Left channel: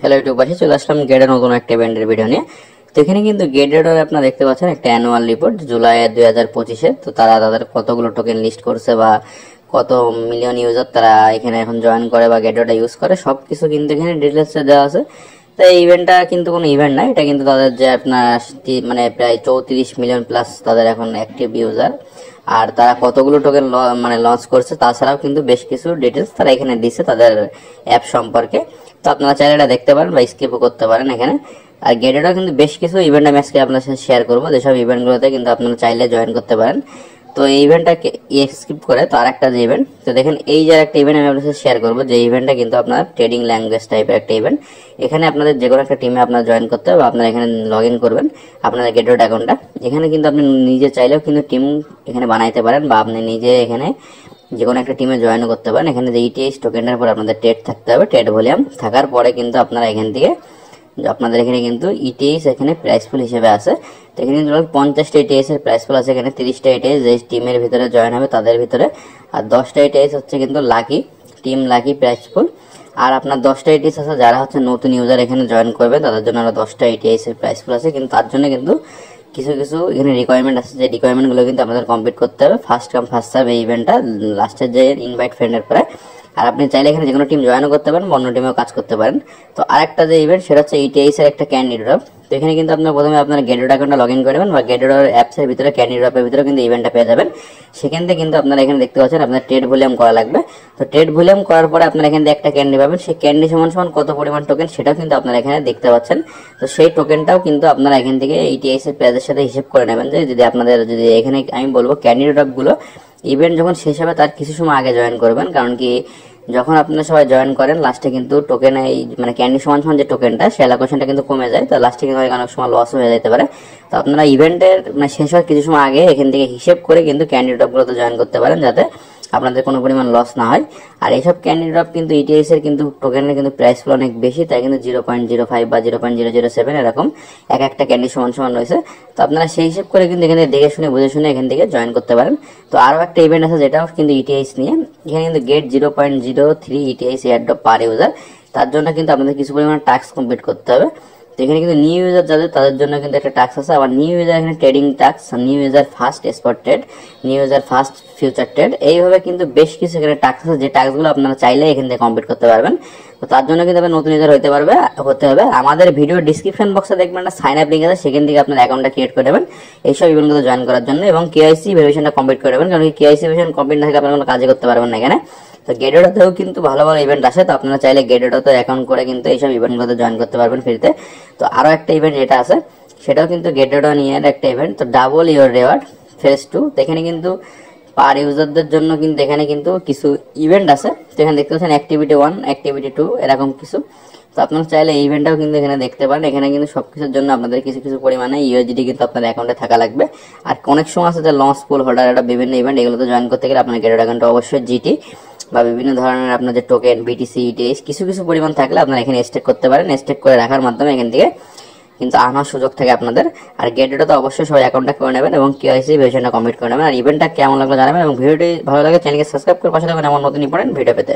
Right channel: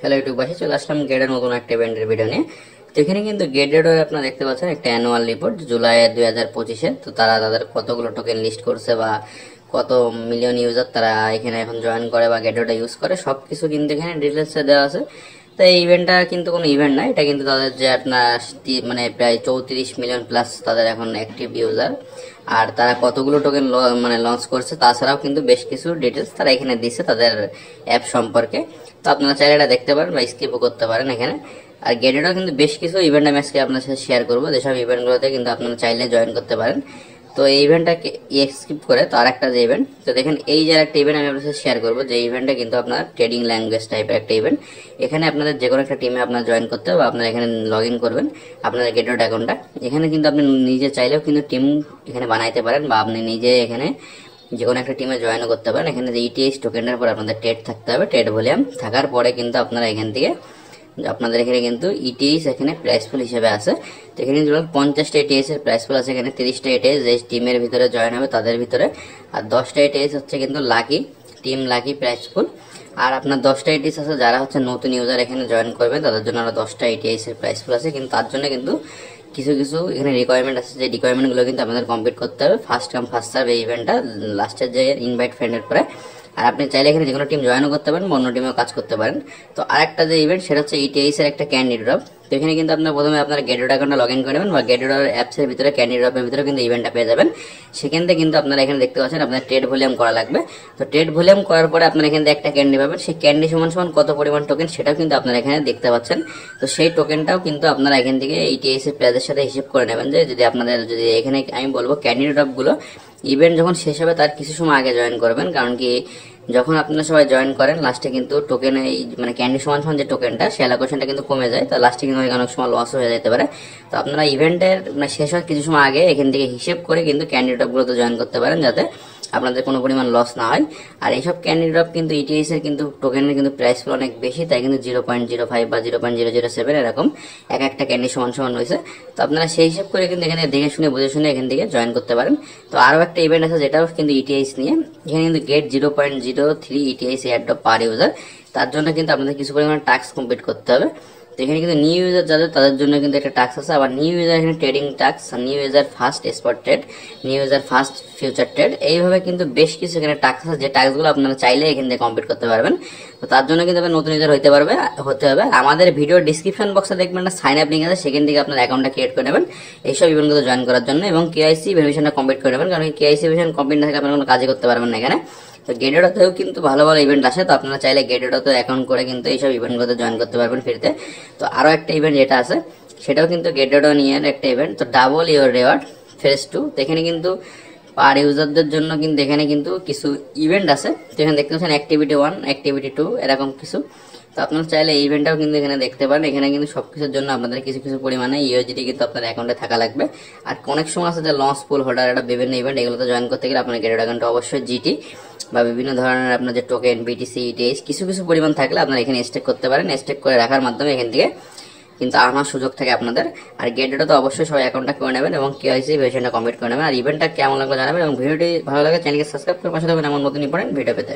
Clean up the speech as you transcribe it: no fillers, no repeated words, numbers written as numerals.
Hello ইউটিউববাসী, চলে আসলাম গেটের নতুন একটা ইভেন্টের ভিডিও নিয়ে। তো এখানে কিন্তু গেটের আপনারা দেখতে পাচ্ছেন একটা অ্যানুয়াল রিপোর্ট জুলাই 2025-এ। তো তারা তাদের কতগুলো টোকেন লিস্ট করছে বা কত মিলিয়ন ইউজার তারা এখানে এখন জয়েন করে বা গেটেরটা ইউজ করে সবকিছু কিন্তু এখানে ডিটেলসে দেওয়া আছে। তো এই ইভেন্টটা কিন্তু কোনো ইভেন্ট না, এটা কিন্তু তাদের যে আপনার মানে প্রায় 34 মিলিয়ন প্লাস তাদের এখন অ্যাক্টিভ ইউজার, আর তারা কতগুলো টোকেন মানে লঞ্চ করছে, তাছাড়াও কিন্তু বেশ কিছু ডিটেলস তারা এখানে দিচ্ছে তাদের অ্যাপ সম্পর্কে। তো আপনারা চাইলে এটা দেখতে পারেন বা স্কিপও করতে পারেন এখানে। আর গেটেরও কিন্তু বেশ কিছু ইভেন্ট আমি আজকে আপনার সাথে শেয়ার করবো, যেসব ইভেন্টগুলোতে কিন্তু আপনারা চাইলে জয়েন করতে পারেন। তো এই ইভেন্টটাকে স্কিপ করে তো আরেকটা যে ইভেন্ট, তো দেখেন এই যে একটা ইভেন্ট আমি আপনার সাথে শেয়ার করবো, যে ইভেন্টটা কিন্তু আপনার ট্রেডিং ল্যাঙ্গুয়েজ টাইপের একটা ইভেন্ট। এখানে আপনাদের যে কোনো একটা টিমে আপনারা জয়েন করতে হবে, আপনারা এখানে লগ ইন করবেন আপনাদের গেটওয়ে অ্যাকাউন্টটা। এখানে কিন্তু আপনি নিজে চাইলেও কিন্তু টিম এখানে বানাইতে পারেন বা আপনি নিজে এখানে যে কোনো একটা টিমে জয়েন করতে পারেন। এখানে যে ইটিএস টোকেনের পর আপনাদের ট্রেড থাকতে হবে, ট্রেড ভলিউম থাকার পরে কিন্তু আপনারা এখান থেকে আপনাদের এখানে কিন্তু ইটিএস এখানে প্রাইস পুল হিসেবে আছে। তো এখানে কিন্তু 50টা ইটিএস এর প্রাইস পুল আছে, এখানে 30টা ইটিএস যে টিমের ভিতরে জয়েন হবে তাদের ভিতরে, আর 10টা ইটিএস হচ্ছে কিন্তু লাকি টিম লাকি প্রাইস পুল। আর আপনার 10টা ইটিএস আছে যারা হচ্ছে নতুন ইউজার এখানে জয়েন করবে তাদের জন্য আরো 10টা ইটিএস এর প্রাইস পুল আছে, কিন্তু তার জন্য কিন্তু কিছু কিছু এখানে রিকোয়ারমেন্ট আছে, যে রিকোয়ারমেন্ট গুলো কিন্তু আপনাদের কমপ্লিট করতে হবে। ফার্স্ট কাম ফার্স্ট সার্ভ এই ইভেন্টটা লাস্টের যে ইনভাইট ফ্রেন্ডের পরে। আর আপনি চাইলে এখানে যে কোনো টিম জয়েনও করতে পারেন, অন্য টিমেও কাজ করতে পারেন। তো আরেকটা যে ইভেন্ট সেটা হচ্ছে ইটিএস এর একটা ক্যান্ডিডেট ড্রপ। তো এখানে কিন্তু আপনি প্রথমে আপনার গেটের অ্যাকাউন্টটা লগ ইন করবেন বা গেটের অ্যাপস এর ভিতরে ক্যান্ডিডেট ড্রপের ভিতরে কিন্তু ইভেন্টটা পেয়ে যাবেন। সেখান থেকে কিন্তু আপনারা এখানে দেখতে পাচ্ছেন আপনার ট্রেড ভলিউম করা লাগবে। তো ট্রেড ভলিউম করার পরে আপনারা এখানে একটা ক্যান্ডি পাবেন, সেই ক্যান্ডি সমান সমান কত পরিমাণ টোকেন সেটাও কিন্তু আপনারা এখানে দেখতে পাচ্ছেন। তো সেই টোকেনটাও কিন্তু আপনারা এখান থেকে ইটিএস এর প্রাইসের সাথে হিসাব করে নেবেন, যে যদি আপনাদের যদি এখানে আমি বলবো ক্যান্ডিডেট ড্রপ গুলো ইভেন্ট যখন শেষ হবে তার কিছু সময় আগে জয়েন করবেন, কারণ কি যখন আপনারা সবাই জয়েন করেন লাস্টে কিন্তু টোকেন এই মানে ক্যান্ডি সমান সমান যে টোকেনটা সে অ্যালোকেশনটা কিন্তু কমে যায়, তো লাস্টে কিন্তু অনেক সময় লস হয়ে যেতে পারে। তো আপনারা ইভেন্টের মানে শেষ হওয়ার কিছু সময় আগে এখান থেকে হিসেব করে কিন্তু ক্যান্ডি ড্রপগুলোতে জয়েন করতে পারেন, যাতে আপনাদের কোনো পরিমাণ লস না হয়। আর এইসব ক্যান্ডি ড্রপ কিন্তু ইটিএস এর কিন্তু টোকেনের কিন্তু প্রাইস অনেক বেশি, তাই কিন্তু 0.05 বা 0.007 এরকম এক একটা ক্যান্ডি সমান সমান রয়েছে। তো আপনারা সেই হিসেব করে কিন্তু এখানে দেখে শুনে বুঝে শুনে এখান থেকে জয়েন করতে পারেন। তো আরো একটা ইভেন্ট আছে যেটাও কিন্তু ইটিএস নিয়ে, এখানে কিন্তু get 0.03 ETS airdrop per user. তার জন্য কিন্তু আপনাদের কিছু পরিমাণ টাস্ক কমপ্লিট করতে হবে। তো এখানে কিন্তু নিউ ইউজার যাদের তাদের জন্য কিন্তু একটা টাস্ক আছে, আবার নিউ ইউজার এখানে trading task, new user first spot trade, new user first future trade, এইভাবে কিন্তু বেশ কিছু এখানে টাস্ক আছে, যে টাস্কগুলো আপনারা চাইলে এখান থেকে কমপ্লিট করতে পারবেন। তো তার জন্য কিন্তু নতুন ইউজার হতে হবে। আমাদের ভিডিও ডিসক্রিপশন বক্সে দেখবেন একটা সাইন আপ লিংক আছে, সেখান থেকে আপনার অ্যাকাউন্টটা ক্রিয়েট করে দেবেন এইসব ইভেন্টগুলো জয়েন করার জন্য, এবং কেআইসি ভেরিফিকেশনটা কমপ্লিট করে দেবেন, কারণ কেআইসি ভেরিফিকেশন কমপ্লিট না থাকে আপনারা কোনো কাজে করতে পারবেন না এখানে। তো গেটেডতেও কিন্তু ভালো ভালো ইভেন্ট আসে, তো আপনারা চাইলে গেটেডতে অ্যাকাউন্ট করে কিন্তু এইসব ইভেন্টগুলোতে জয়েন করতে পারবেন ফ্রিতে। তো আরো একটা ইভেন্ট যেটা আছে সেটাও কিন্তু গেটেড নিয়ে একটা ইভেন্ট, তো ডাবল ইউর রিওয়ার্ড ফেজ 2। এখানে কিন্তু পার ইউজারদের জন্য কিন্তু এখানে কিন্তু কিছু ইভেন্ট আছে। তো এখানে দেখতে পাচ্ছেন অ্যাক্টিভিটি 1 অ্যাক্টিভিটি 2 এরকম কিছু। তো আপনারা চাইলে এই ইভেন্টটাও কিন্তু এখানে দেখতে পারেন। এখানে কিন্তু সবকিছুর জন্য আপনাদের কিছু কিছু পরিমাণে ইউএসডি কিন্তু আপনার অ্যাকাউন্টে থাকা লাগবে। আর অনেক সময় আছে যে লঞ্চ পুল হোল্ডার, এটা বিভিন্ন ইভেন্ট, এগুলোতে জয়েন করতে গেলে আপনার গেটেড অ্যাকাউন্টে অবশ্যই জিটি বা বিভিন্ন ধরনের আপনার যে টোকেন বিটিসি ইটিএস কিছু কিছু পরিমাণ থাকলে আপনারা এখানে স্টেক করতে পারেন। স্টেক করে রাখার মাধ্যমে এখান থেকে কিন্তু আনার সুযোগ থাকে আপনাদের। আর গেটেডে তো অবশ্যই সবাই অ্যাকাউন্টটা করে নেবেন এবং কেআইসি ভেরিফিকেশনটা কমপ্লিট করে নেবেন। আর ইভেন্টটা কেমন লাগলো জানাবেন এবং ভিডিওটি ভালো লাগে চ্যানেলকে সাবস্ক্রাইব করে পাশে থাকবেন এমন নতুন ইম্পর্টেন্ট ভিডিও পেতে।